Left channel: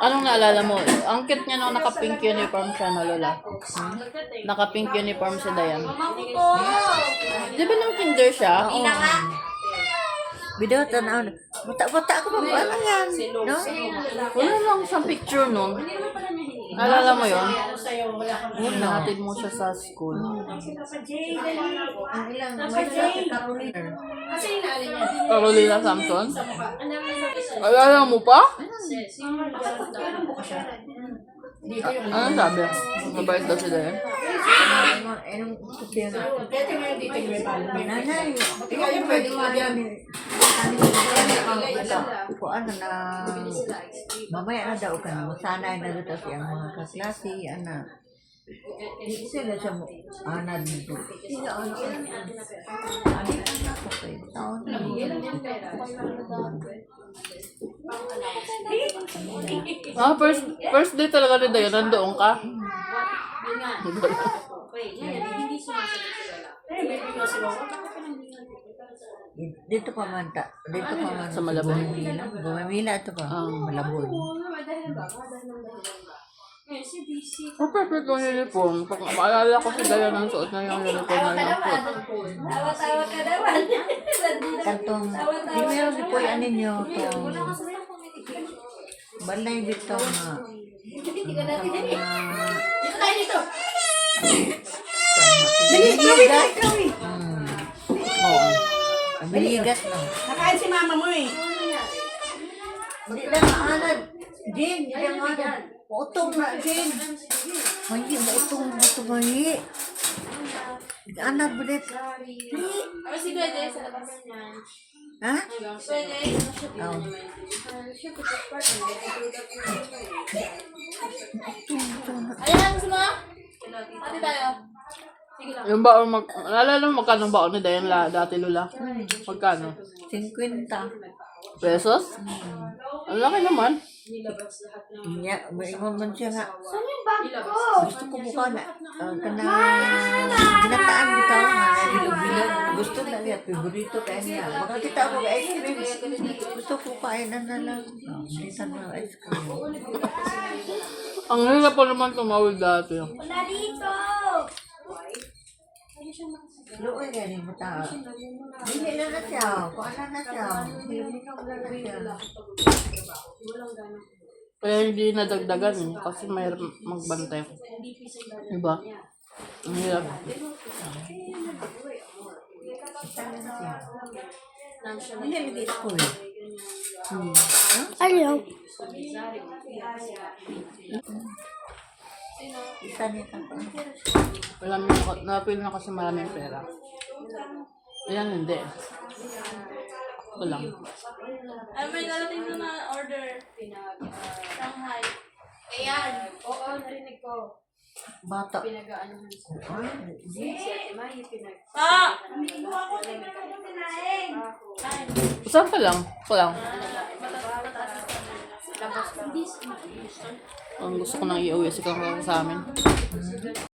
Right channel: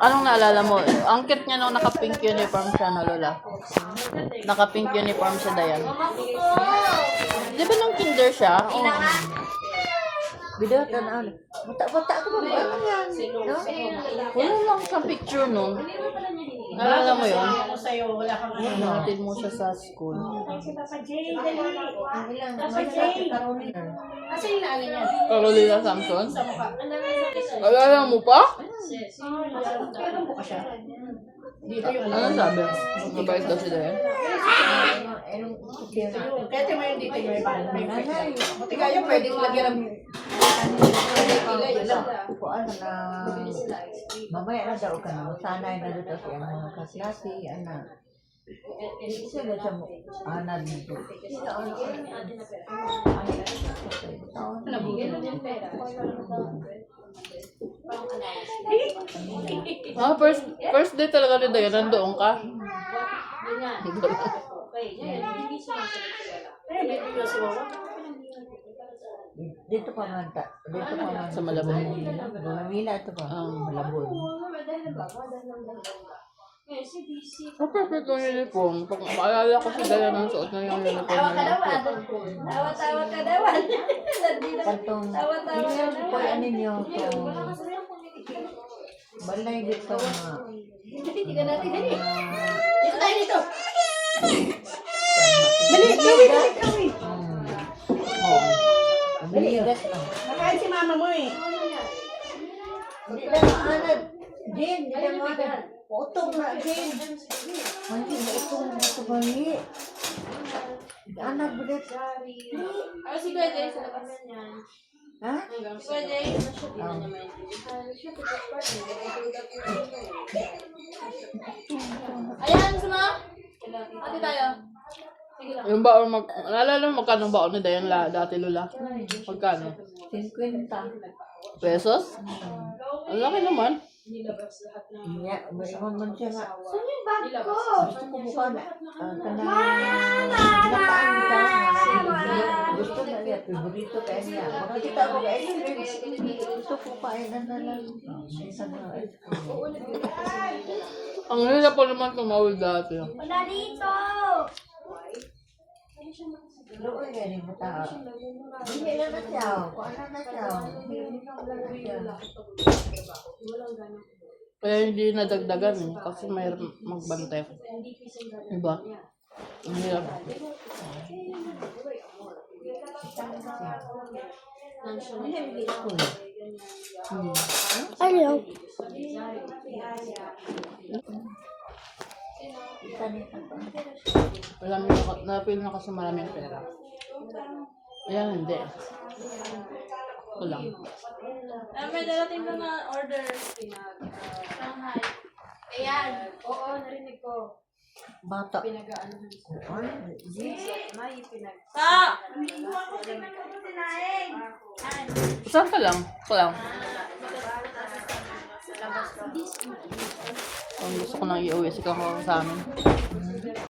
Anong naalala mo? Ang cute niya nung naka-pink uniform siya na lola. Naka-pink uniform siya, Dayan. Di ba nang kinder siya? Video tanaw. Bata-bata ako ba? Ano yan? No? Wala lang sa picture nun. Naalala mo yun? Nahatid mo siya sa school. Ang ilang Carolina. Carolina Samson? Naalala mo pa? Ano sabi? Mabait daw si Dayan. Nanay. Ano na mamaya na daw ka na sanay na dito siya mga kaklase anak sila siya mo anak dito First day talaga ni Dayan, nandoon ka? dito pa man Sa Malabon. Gumamila ito pa Malabon. Perfect yung uniform. Pag maalala ko si Dayan ang suot na yung uniform na yung suot. Tawa-tawa ka naman. Kantong email ko yan ninyo itong balay bitong Hindi ka natin. Dito tayo dito. Oo. Biligat na. Nakain si mama mo eh. Hindi na maanad. Jane, hindi na maanad. Utong na, Jane. Hindi mo utong na ito mahi. Anak, bulit. Ako si Kuya Jay sa labas niyan. Ha? Kuya Jay. Ayan, gusto mo? Ate tayo. Sige lang. Yung baon, naalala mo magkano baon ni Dayan dati Lula? Magkano? 50. Pesos? Ang laki naman. Iya, maingon man siya nga. Saan yung bag ko? Gusto ko mukha na. Nataan dito. Gusto na niya. Favorito kaya niya. Makakita ako ka ice cream. Gusto ko kainan na lang. Hindi na ice cream. Ang hirap po naman tumawid dati. Wala dito. Looy nga ni mo ta. Hindi na na siya. Kung ano na siya. Hilminom na na siya. Kaya hindi nadagdagan eh. Kasi may magbantay. Diba? Ang hirap. Hindi lagi school. Ayaw. Isa niya ka. Alam mo, napil na kasi maraming pera. Ayan, hindi. Ito lang. Ay, may darating doon na order. Shanghai. Ayan. Oo, narinig ko. Bata. Pinag-aanohan siya. May pinag... Hindi ko ako tingnan ko yung tinaing. Saan ka lang? Ito lang. Ang gusto ko nang i-uwi si Kang sa amin.